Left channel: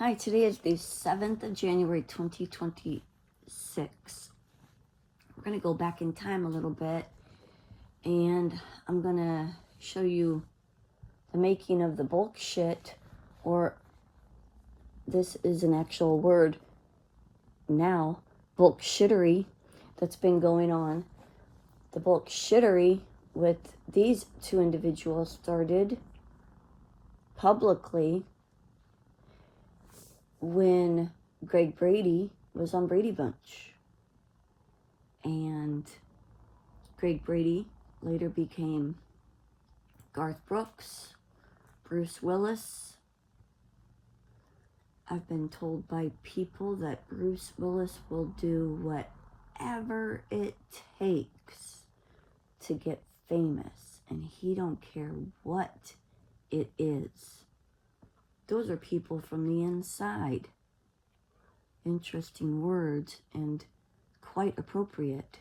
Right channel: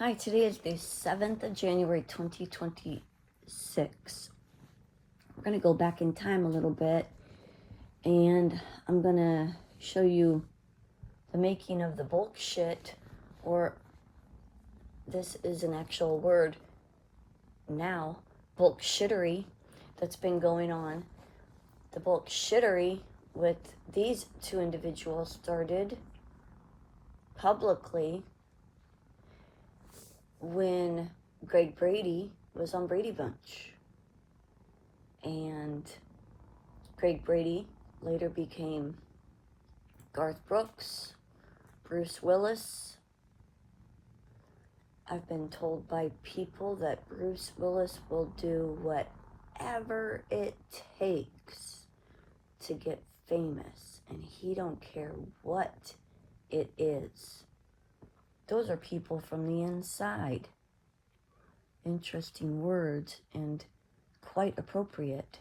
Hi, today is the 7th of January 2026. We're going to go back in time a little bit and I'm going to show you the making of the bullshit, or this is an actual word now, bullshittery that's been going on. The bullshittery with these two individuals started publicly when Greg Brady was on Brady Bunch. And Greg Brady later became Garth Brooks, Bruce Willis. I've been told by people that Bruce Willis will do whatever it takes to get famous, and he don't care what it is. Those are people from the inside. Interesting words and quite appropriate.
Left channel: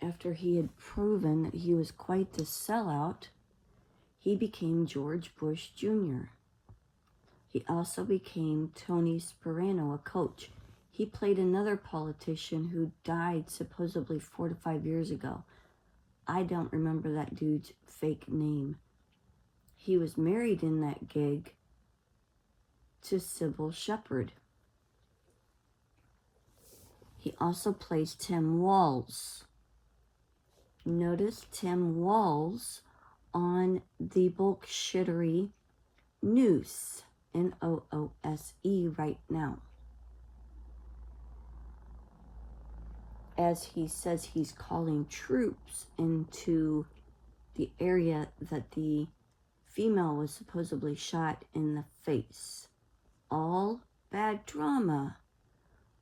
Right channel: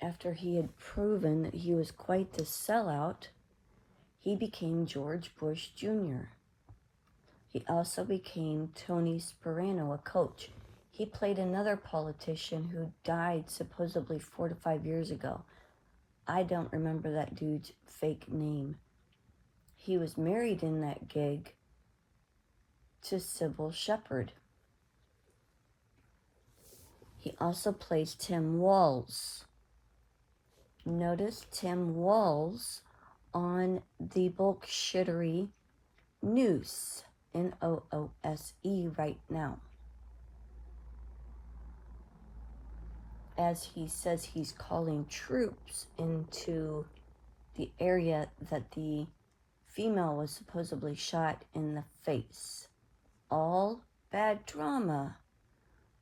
After he had proven that he was quite the sellout, he became George Bush Jr. He also became Tony Sparano, a coach. He played another politician who died supposedly 4 to 5 years ago. I don't remember that dude's fake name. He was married in that gig to Sybil Shepherd. He also plays Tim Walz. Notice Tim Walz on the bullshittery Noose, Noose, right now. As he says he's calling troops into the area that the female was supposedly shot in the face. All bad drama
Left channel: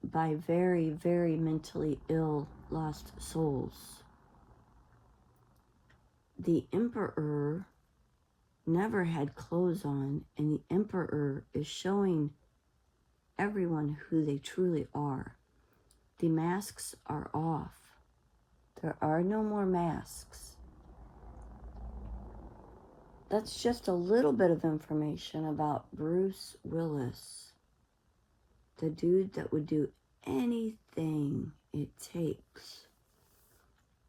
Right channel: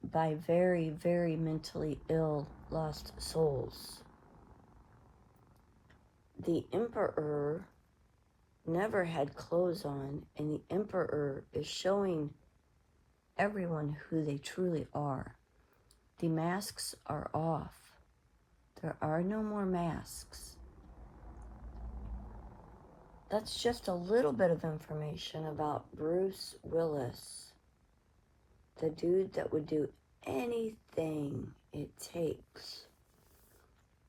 by very, very mentally ill, lost souls. The emperor never had clothes on, and the emperor is showing everyone who they truly are. The masks are off. There are no more masks. That's just a little bit of information about Bruce Willis, the dude that would do anything it takes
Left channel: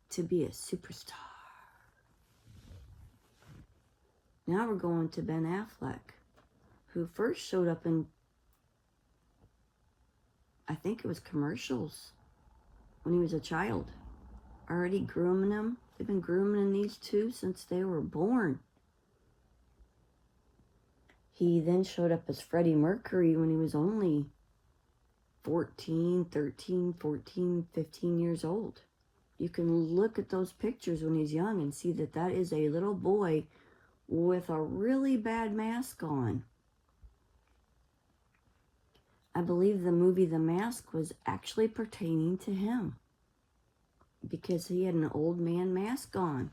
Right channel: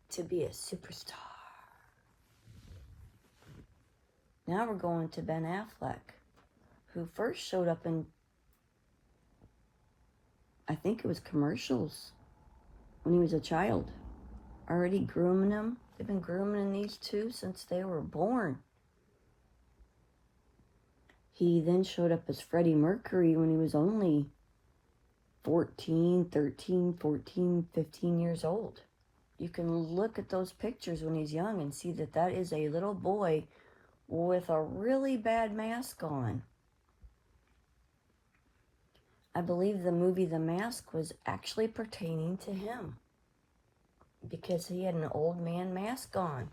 to be a superstar. Now we're going to Ben Affleck, who first showed up in, I think it was commercials, when he was a child. Already grooming him. They've been grooming these two since they were born. He then showed up as Freddie Mercury when he was only 14, 13, 14, 15 years old. You can look at those pictures when he's young and see that that is a little boy with a really bad mask on. I believe the movie The Mask was actually pertaining to him because he had an old man mask on,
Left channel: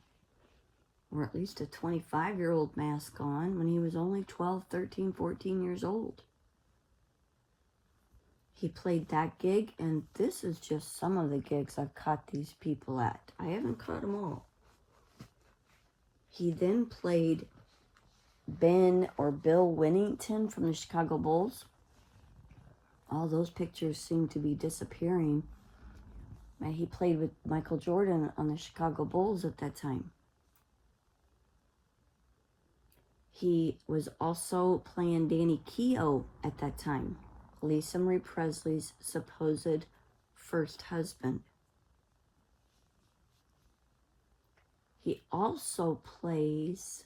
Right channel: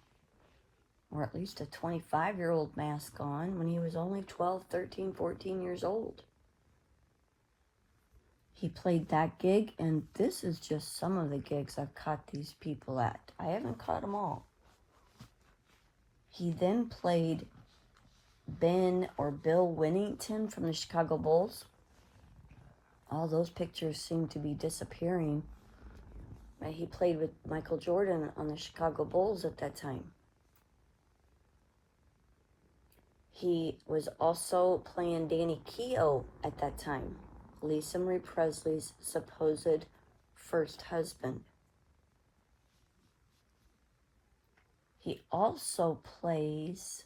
or at least a 25-year-old mask on when he was only 12, 13, 14 years old. He played that gig, and this is just some of the gigs I've caught these people at. I haven't caught them all. He then played Ben or Bill Winnington from the Chicago Bulls. All those pictures seem to be disappearing. But he played with Michael Jordan on the Chicago Bulls at that time. He was also playing Danny Keough at that time, Lisa Marie Presley's supposed first husband. He also plays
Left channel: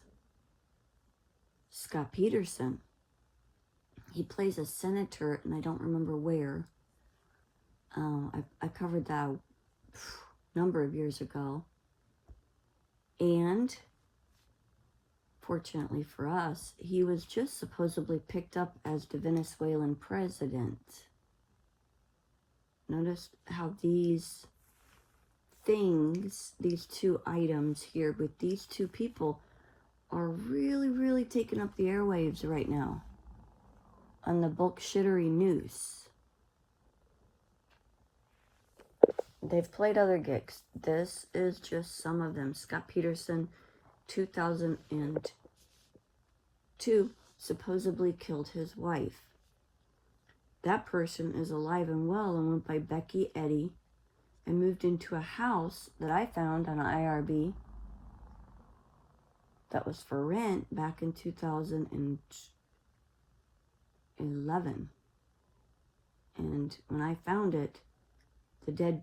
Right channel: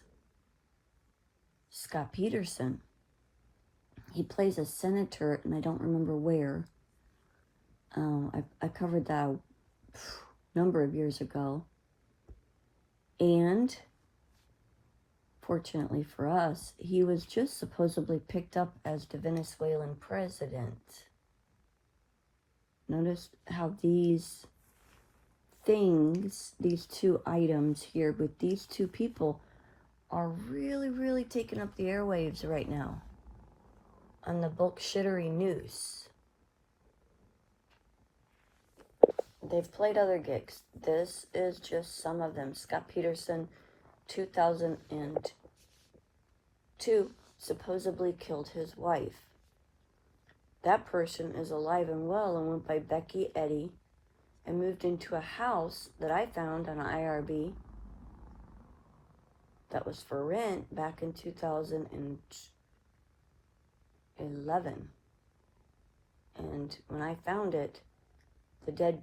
Scott Peterson. He plays a senator, and I don't remember where. I covered that a number of years ago. And fortunately for us, he was just supposedly picked up as the Venezuelan president. Notice how these things, these two items here with these two people are really, really taking up the airwaves right now on the bullshittery Noose. They've played other gigs. This is just some of them. Scott Peterson, 2002, supposedly killed his wife. That person is alive and well and went by Becky Eddy and moved into a house that I found on IRB that was for rent back in 2011. And when I found it, the dead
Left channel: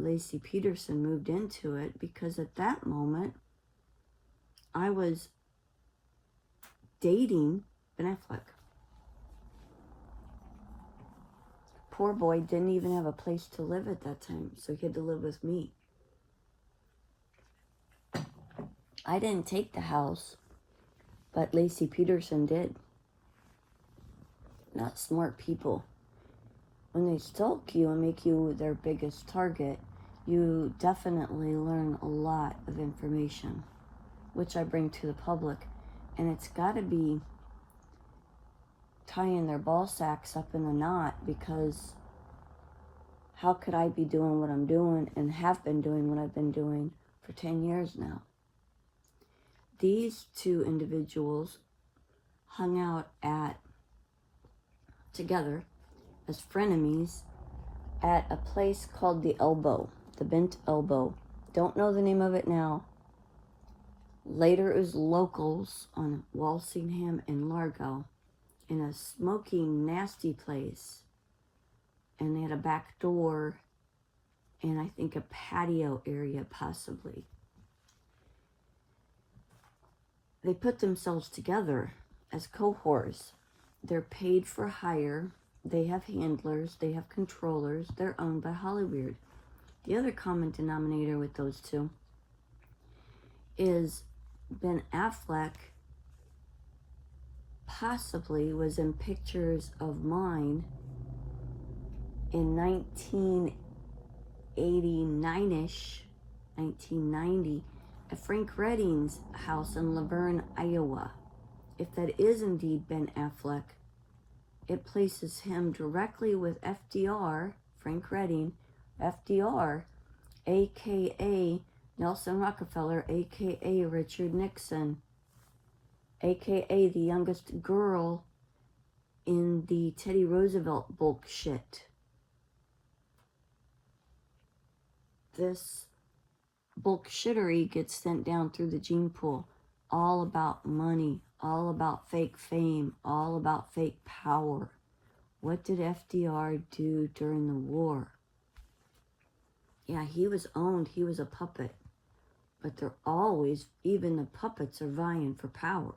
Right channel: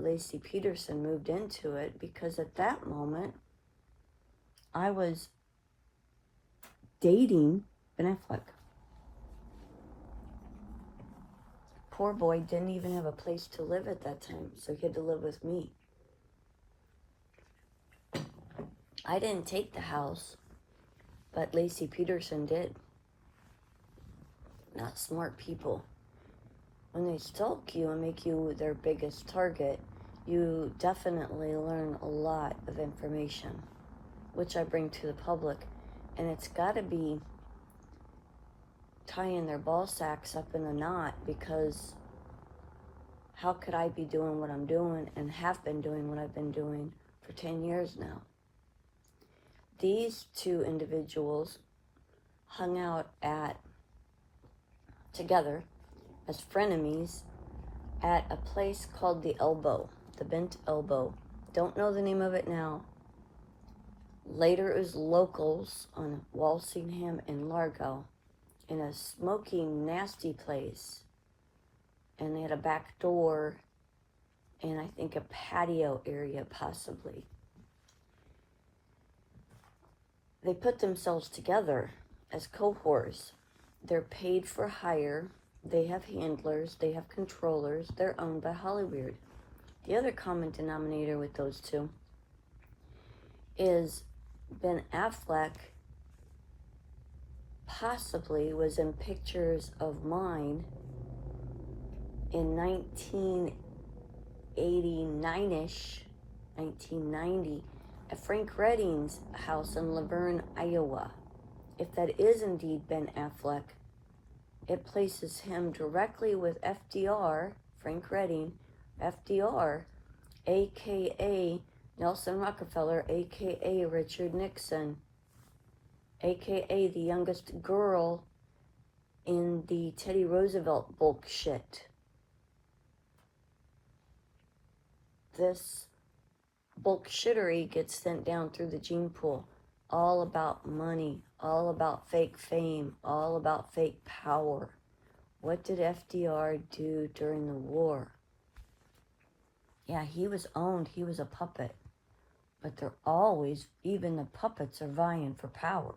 Laci Peterson moved into it because at that moment I was dating Ben Affleck. Poor boy didn't even have a place to live at that time, so he had to live with me. I didn't take the house, but Laci Peterson did. Not smart people. When they stalk you and make you their biggest target, you definitely learn a lot of information, which I bring to the public. And it's got to be tying their ball sacks up in a knot, because how could I be doing what I'm doing and have been doing what I've been doing for 10 years now? These two individuals hung out together as frenemies at a place called the Elbow, the Bent Elbow. Don't know the name of it now. Later it was locals on Walsingham and Largo in a smoking, nasty place. And they had a back door and I think a patio area possibly. They put themselves together as cohorts. They're paid for hire. They have handlers. They have controllers. They're owned by Hollywood. The other common denominator with those two is Ben Affleck possibly was in pictures of mine in 1989-ish, 1990, at Frank Redding's house in Laverne, Iowa. If that is indeed Ben Affleck, it places him directly with FDR, Frank Redding, FDR, aka Nelson Rockefeller, aka Richard Nixon, aka the youngest girl in the Teddy Roosevelt bullshit. This bullshittery gets sent down through the gene pool. All about money, all about fake fame, all about fake power. What did FDR do during the war? Yeah, he was owned, he was a puppet. But they're always, even the puppets are vying for power,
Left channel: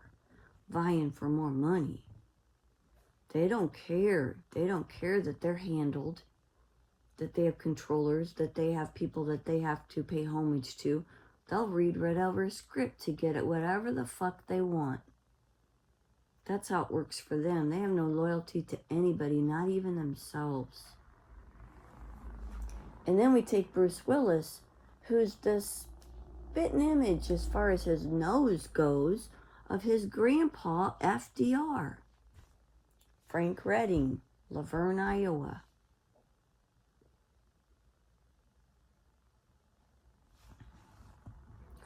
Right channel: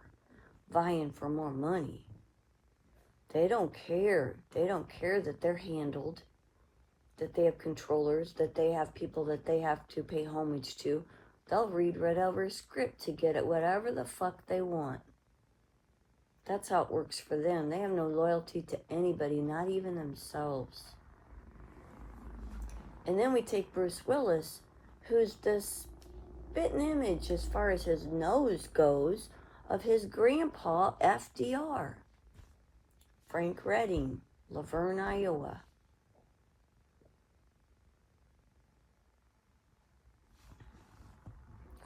vying for more money. They don't care. They don't care that they're handled, that they have controllers, that they have people that they have to pay homage to. They'll read right over a script to get at whatever the fuck they want. That's how it works for them. They have no loyalty to anybody, not even themselves. And then we take Bruce Willis, who's this spitting image as far as his nose goes of his grandpa, FDR. Frank Redding, Laverne, Iowa.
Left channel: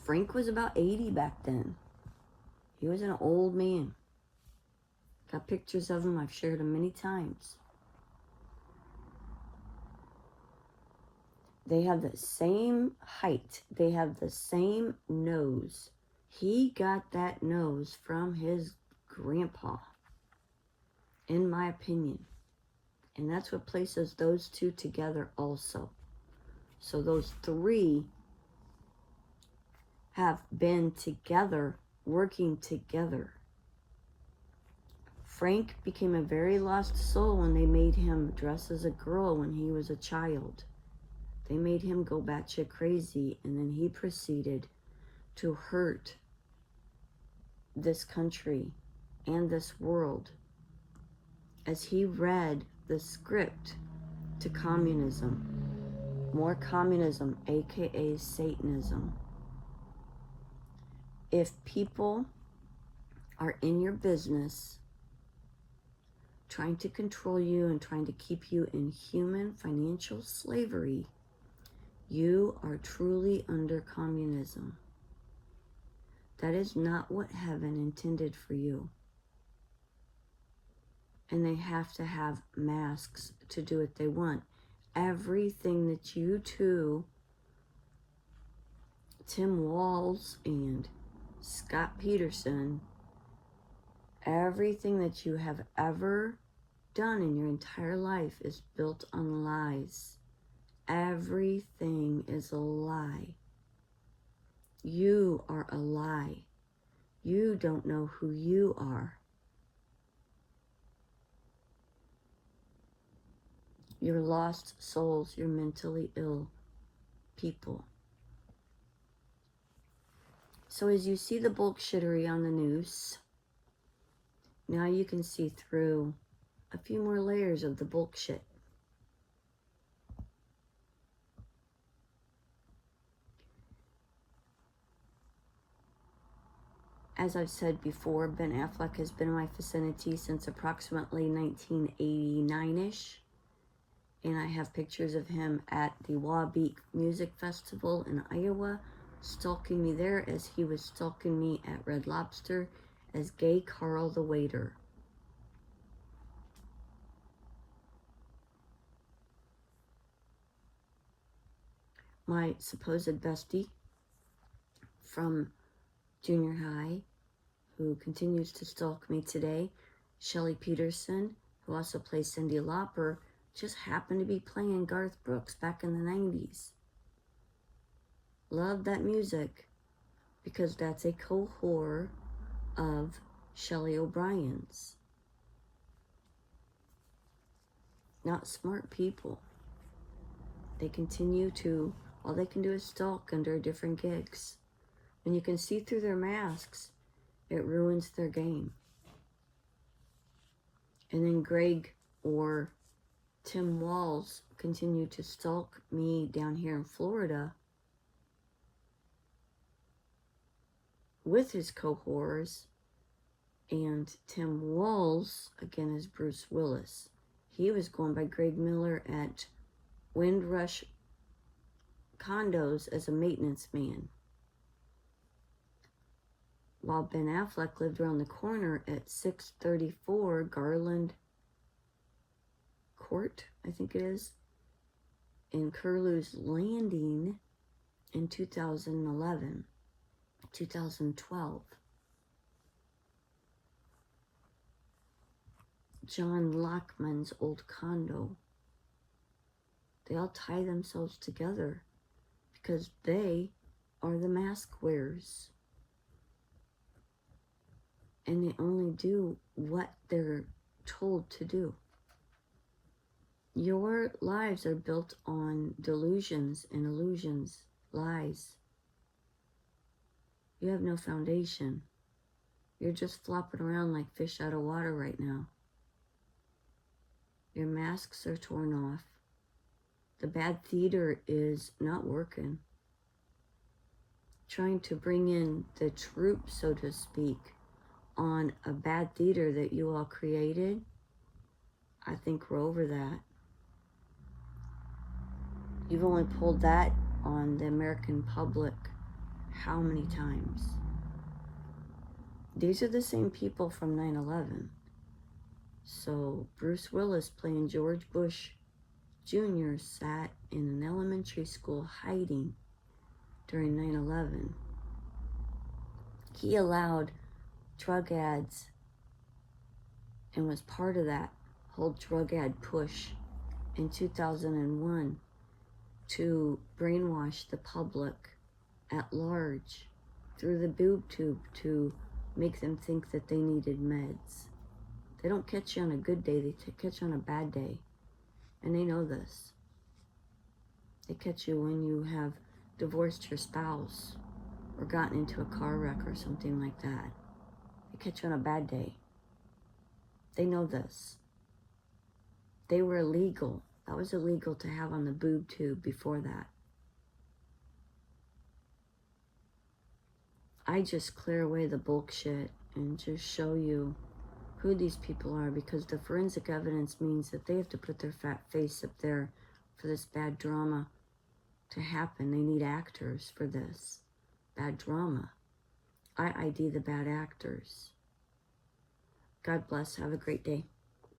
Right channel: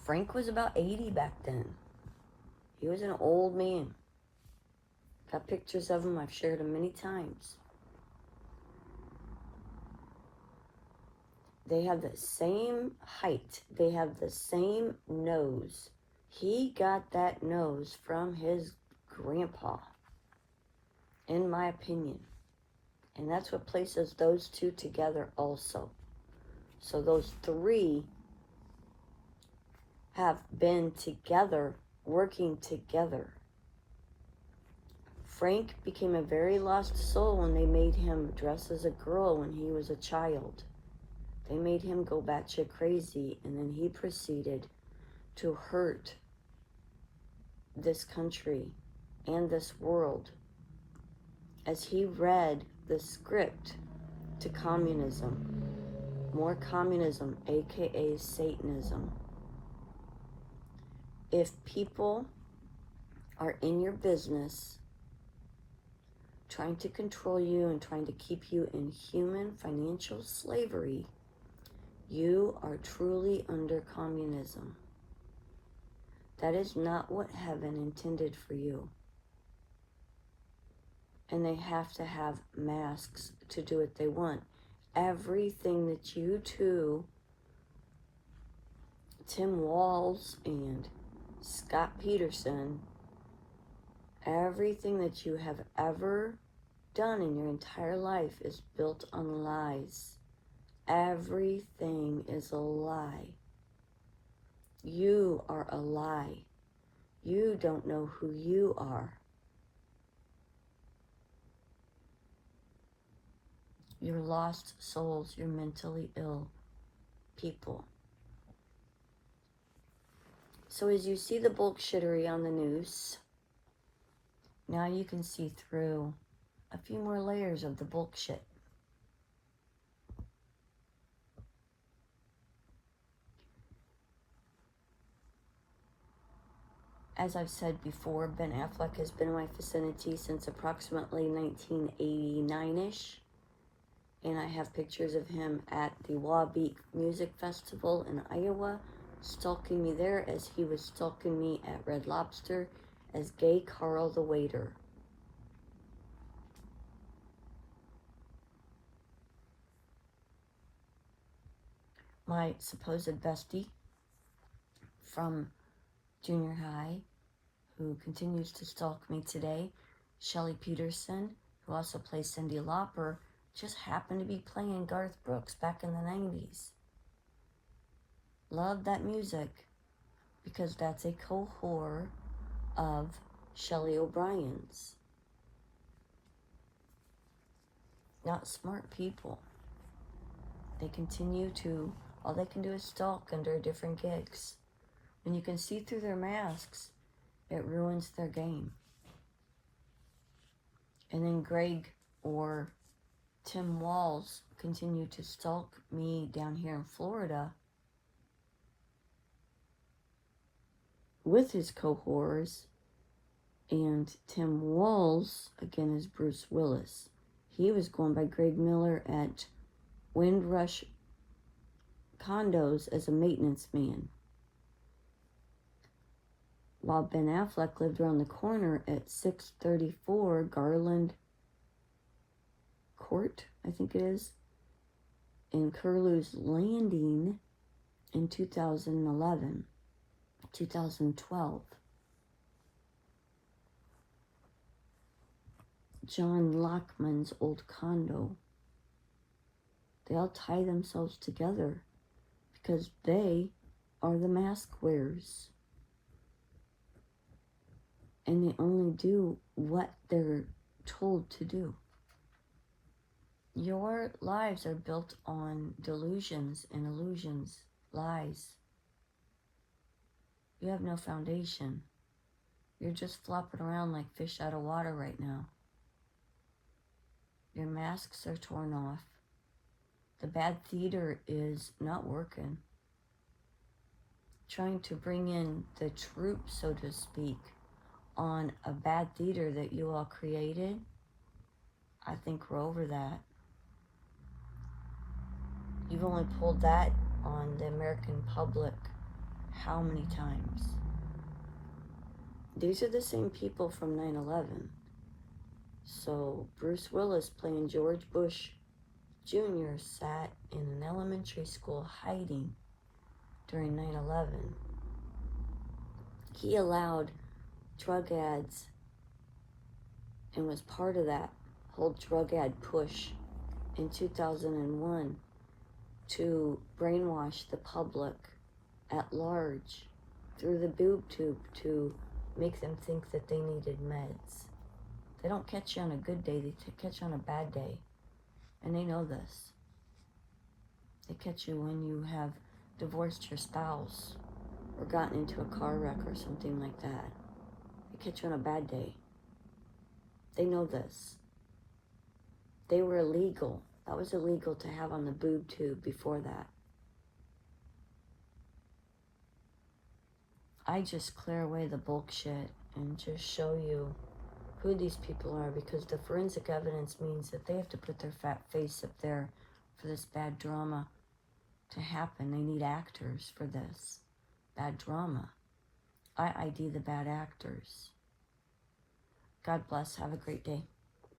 Frank was about 80 back then. He was an old man. Got pictures of him. I've shared them many times. They have the same height. They have the same nose. He got that nose from his grandpa, in my opinion. And that's what places those two together also. So those three have been together, working together. Frank became a very lost soul when they made him dress as a girl when he was a child. They made him go batshit crazy, and then he proceeded to hurt this country and this world as he read the script to communism. More communism, aka Satanism. If people are in your business trying to control you and trying to keep you in human financial slavery, you are truly under communism. That is not what heaven intended for you. and they have to have masks to do what they want. Everything that you two, Tim Walz and Scott Peterson, everything that you have ever done in your entire life is built on lies. Everything is a lie. You are a lie. You don't know who you are. You're lost souls. You're mentally ill people. So as you see the bullshittery on the news, now you can see through a few more layers of the bullshit. As I've said before, Ben Affleck has been in my vicinity since approximately 1989-ish. And I have pictures of him at the Wabeek Music Festival in Iowa, stalking me there as he was stalking me at Red Lobster as Gay Carl the waiter. My supposed bestie from junior high, who continues to stalk me today, Shelly Peterson, who also plays Cyndi Lauper, just happened to be playing Garth Brooks back in the 90s. Love that music because that's a cohort of Shelley O'Brien's. Not smart people. They continue to, all they can do is stalk under different gigs. When you can see through their masks, it ruins their game. And then Greg or Tim Walz continue to stalk me down here in Florida with his cohorts, and Tim Walz, again, is Bruce Willis. He was going by Greg Miller at Windrush Condos as a maintenance man, while Ben Affleck lived around the corner at 634 Garland Court, I think it is, in Curlew's Landing in 2011, 2012. John Lockman's old condo. They all tie themselves together because they are the mask wearers. And they only do what they're told to do. Your lives are built on delusions and illusions, lies. You have no foundation. You're just flopping around like fish out of water right now. Your masks are torn off. The bad theater is not working. Trying to bring in the troops, so to speak, on a bad theater that you all created, I think we're over that. You've only pulled that on the American public how many times? These are the same people from 9/11. So Bruce Willis playing George Bush Jr. sat in an elementary school hiding during 9/11. He allowed drug ads and was part of that whole drug ad push in 2001 to brainwash the public at large through the boob tube to make them think that they needed meds. They don't catch you on a good day, they catch you on a bad day. And they know this. They catch you when you have divorced your spouse or gotten into a car wreck or something like that. They catch you on a bad day. They know this. They were illegal. That was illegal to have on the boob tube before that. I just clear away the bullshit and just show you who these people are, because the forensic evidence means that they have to put their fat face up there for this bad drama to happen. They need actors for this bad drama. I ID the bad actors. God bless. Have a great day.